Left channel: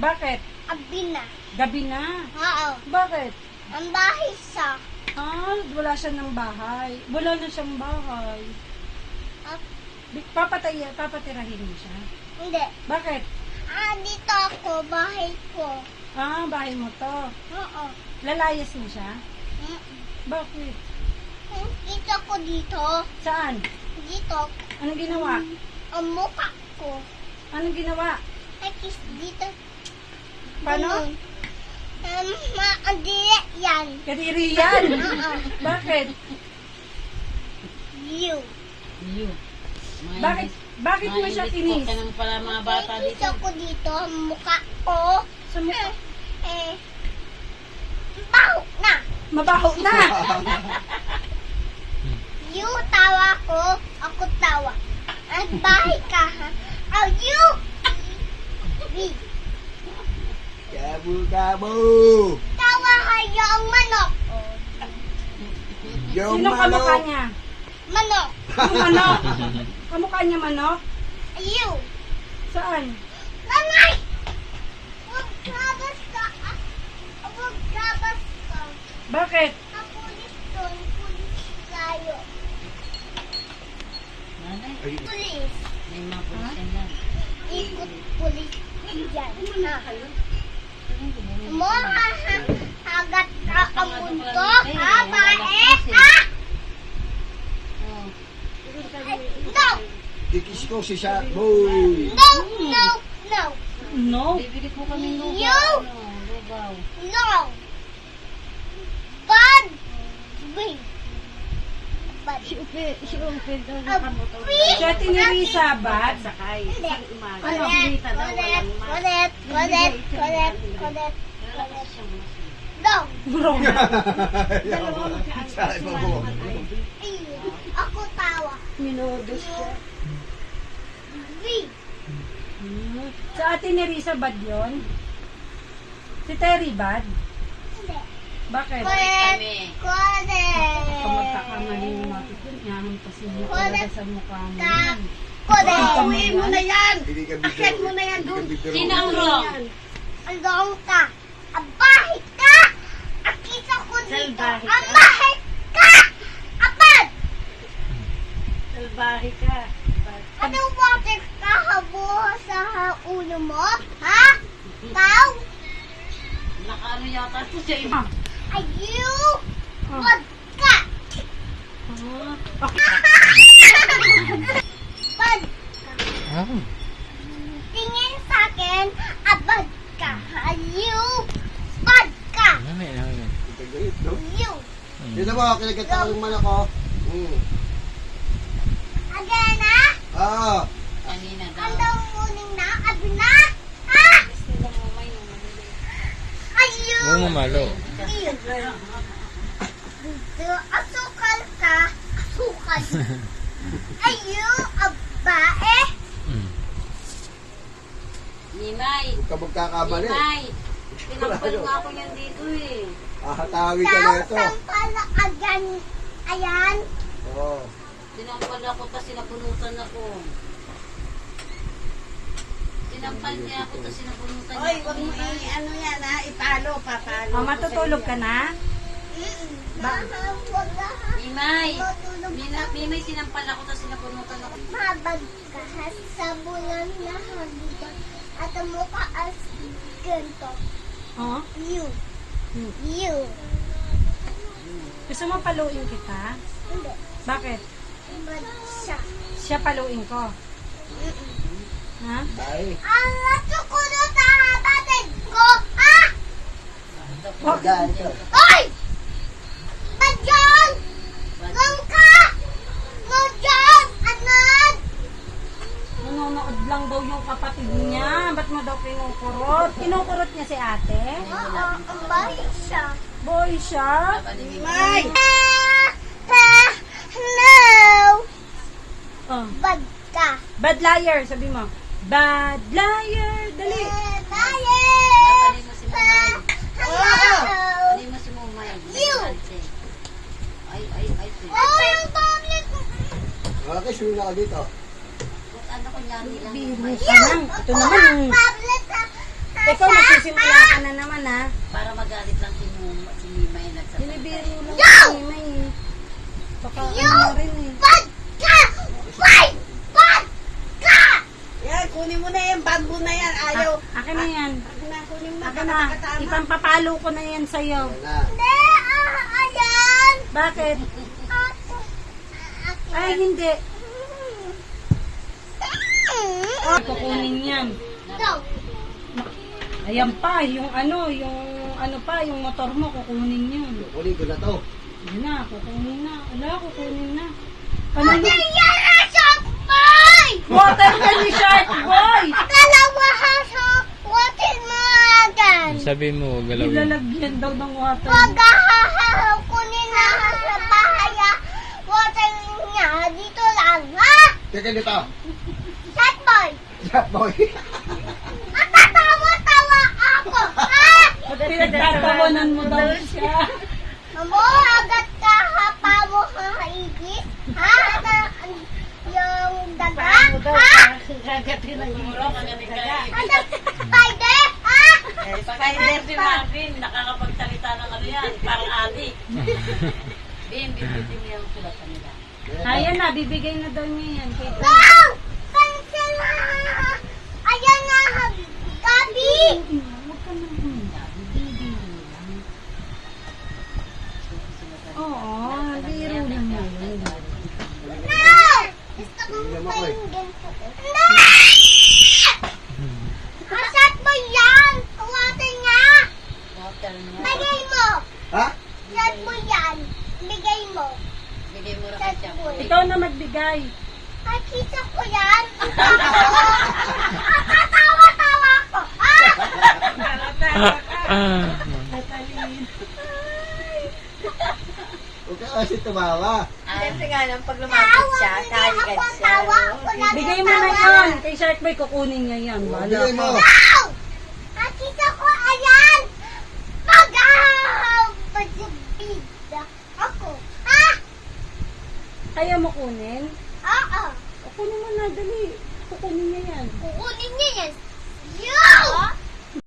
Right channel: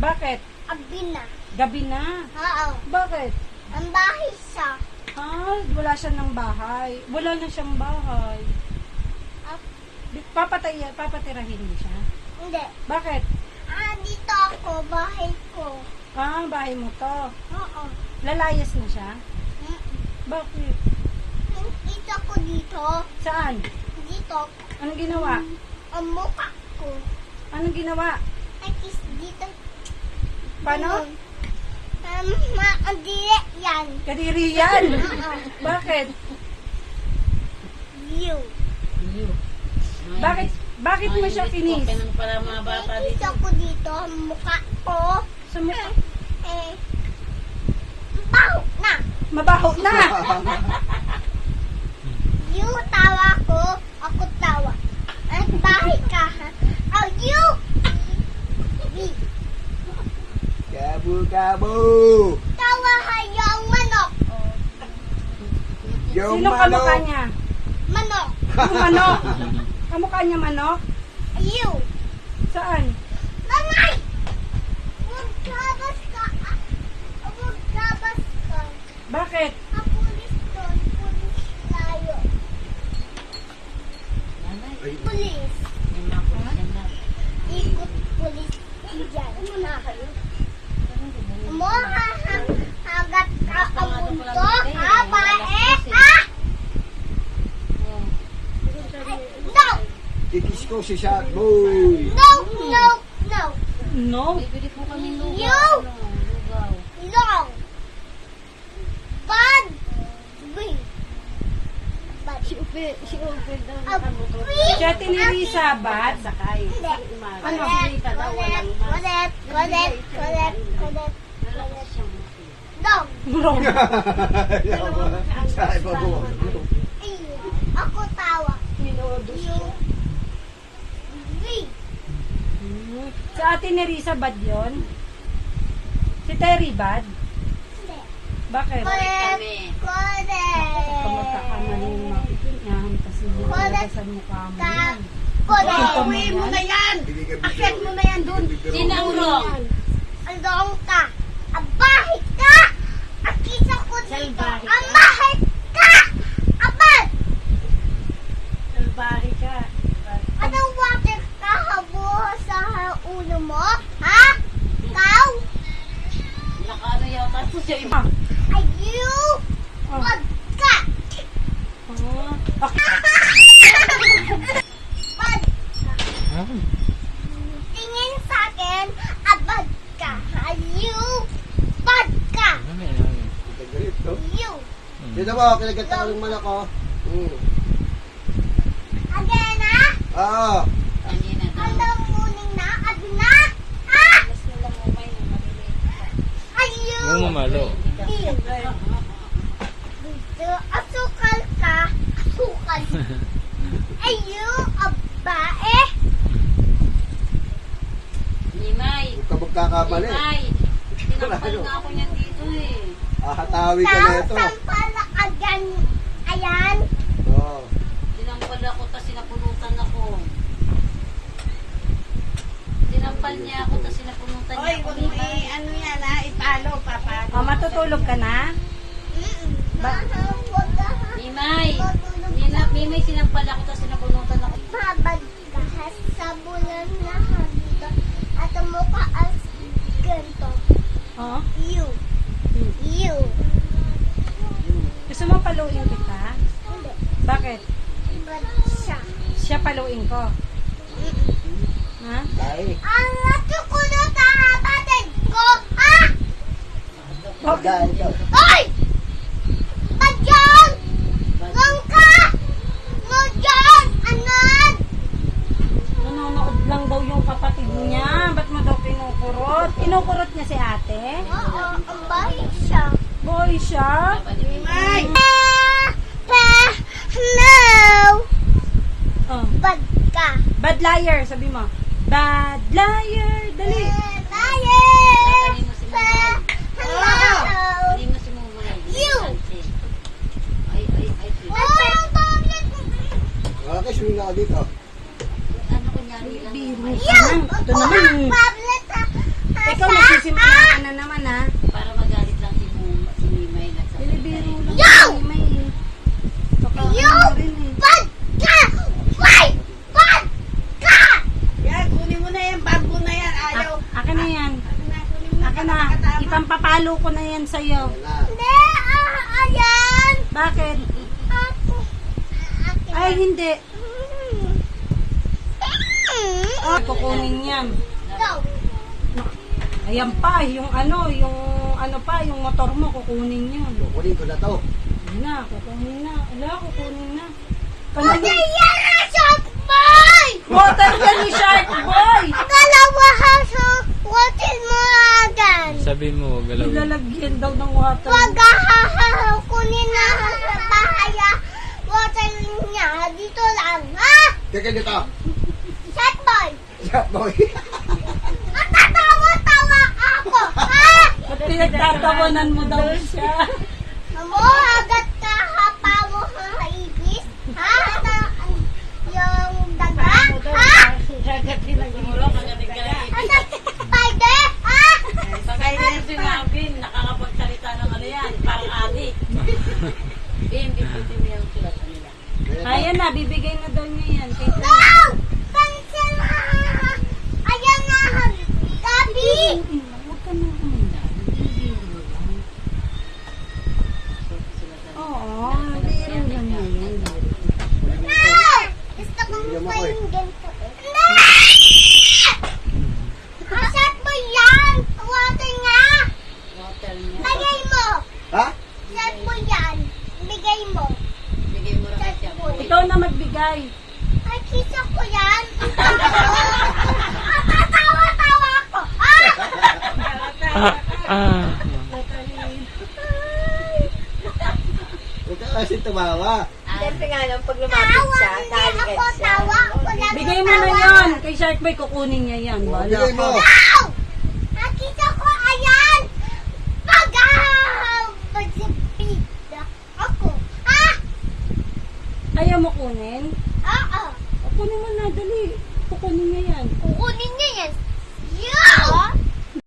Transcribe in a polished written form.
Bakit? Abi na. Gabi na. Oo. Bakit? Ang bahay siya. Wala siya ng bahay. Wala na siyang bahay. At, Papatirahin mo siya. hindi. Bakit? Dito ako. Bahay ko. Bahay mo to. Oo. Lalayas na siya? Mm. Bakit? Dito ko dito. Saan? Dito. Anong ginawa? Ang mukha ko. Anong ginawa? Ay, kiss dito. Paano? Maandili yan. Kadiri yan. Oo. Bakit? You. Bakit mo siya kinis? Ng para mga bata Kiss dito. ako dito. Ang mukha ko. Sa mukha. Baho na. Mabaho na. You tawa ko. Ako tawa. At bahay ka ha. Oh, you. We. Gabu-gabu! Tawa ha yung manok. Yung Sino kamukha manok! niya? Manok. Yung manok. Kamukha niya manok? You. Saan? Mamay! Huwag kabas ka. Huwag kabas ka. Bakit? Ang pulis doon. Pulis tayo. Nanay, Pulis. may mga pulis na. Ikot pulis. Yan. Mo hagat ka ang mundo. Ha, bae? Ha? No! Kikis ko si Shark Boy! No! No! No! No. Bibili po kami ng You! lugaw. No! Bad! Wait. Bad. Si Upe daw A big! Kaya tinirisa ba? sakay. Hindi. Umaga. Correct, Balita daw, correct, walang mask. correct, correct, correct, correct. Lalakas siyang mask. No! Sa iba mo. Ako tawa. Minodus siya. We. Si Ate Nerissa bad yun? Si Terry bad? Hindi. Bakit? Correct, Kapag correct. magkakamali yung mga ito, nahampas niya talaga sa mukha mo. Ka. yan. Correct. Gawin mo na yan! Hindi ka bigyan. Akit mo na yan dun. Sino ang wrong? Along ka. Abahay ka. Akisa ko dito. Salbahe ka. Abahay ka. Abad. Salbahe ka. Anong water ka habuha sa ulo mo? Ha? Ikaw? Nakaano yata po siya. Ay, you? Oh. Wag ka. Ah. Pag tingin sa akin, abad ka. Ha? You? Bad ka. You. Dito mo, kinagkata ko yung malak ko. Again, ha? Oo. Kanina daw. Anong muning na? Abi na? Ha? Ay, you? Huwag mamalo. You. Dito, asukal ka. Asukal. Ay, you? Abae? Ninay. Huwag ka magkakamali. Ninay. Pinakapal nga ako yan dito eh. Ahatawi ka na ito. Pala again. Ayan. Oo. Sinampal ako tapos sinapunutan ako. Sinampal niya ako tapos sinapunutan niya ako. ano yan ha, ipalo, papalo. Matutulog ka na? Wag ka. Nimay. Nimay sinampal ako tapos sinapunutan ako. Babag ka sa bulan na dito. At ang mukha as ganito. Oh? You. You. Gusto mo paluin kita? Hindi. Bakit? Bad siya. Siya paluin ko. Ha? Ay. Ang natukulot ang kapatid ko, ha? Magdaan ka. Oy! Badyan! Lang ka! Madyan! Anad! Nanonood lang daw yung kapatid niya. Ba't mo daw kinukurot? Kinukurot niya si ate? Oo, ang bahay siya. Boy siya? Ay! No! Oh. Bad ka. Bad liar, sabi mo. Bad liar, dali. Liar! Taling mo si Ka! Mumay. Hello! Taling mo si Mumay. You. Ay. Oh, bakit? Okay, sino na ako dito? Ano ko niya nilang Biro Mumay. ka lang. Ito naman. Pablet, ha? Ikaw nagsisimula ka na naman ha. Para magalit lang si Mimay Binibiro nagsasalita. lang si Mimay eh. Baka ano na rin eh. Pagka! Pagka! Yan, kunin mo na yung bag mo na yan. Ayaw. Akin na yan. Kunin mo Akin na. Ipampapalo ko na yan sa'yo. Wala. Hindi, ayan! Bakit? Ako. Ay, hindi. Oh, kukunin yan. Ikaw. Ayan pa, yung motor mo, kukunin yun. Kukunin ko na to. Yan na, kukunin na. Ala, kukunin na. Pati Panagin. yan na shark boy! Water ka ni Shark Boy! Dalawa haso, watin mo agad. Sabi mo, galawin. Nilalagyan daw ng water. Pag kunin na sa bahaya, water niya dito lang, ha? Teka dito. Shark boy! Yeah, boy. Natatawa-tawa ako, ha? Ba't pinagtatawanan mo daw siya? Mo, agad ka hapa mo sa ibis, ha? Yung daga, ha? Ano, spider, ha? Spider si Marvin, nakakapagsalita ng ano yan, parang adik. Bimbitin niya yung sulatan nila. Ayan na, bibigay na daw niya yan. Kay Go! Cancel na! Ayan na, Gabi! Huwag ka nang humila. Oo, biro lang yun. Na! Gusto kong painggan po. Na! Asat mo yan! Water nga! Water niya. Bigay mo! Ha? Asat mo yan! Bigay mo! Bigay mo rin siya. Ikaw na magbigay. Ay, kisa ko yan! Tatawa-tawa ko! Ha? Huwag ka kasi tumawa. Siyempre nga lang, pag Tawa! lumapit siya, Hindi kaligad ako siya. tawa! Ako lang Bigay mo na tawa. yan. Kay Shark Boy, kukunin niya yan. Oh, Wala bigay mo. ka. Wow! Nakita ko, ayan! Pag-ahabagpida ako. Ha? Kaya mo kunin? Oo. O, kunin mo na, dali. Kukunin niya yan. Kukunin niya yan. Yeah!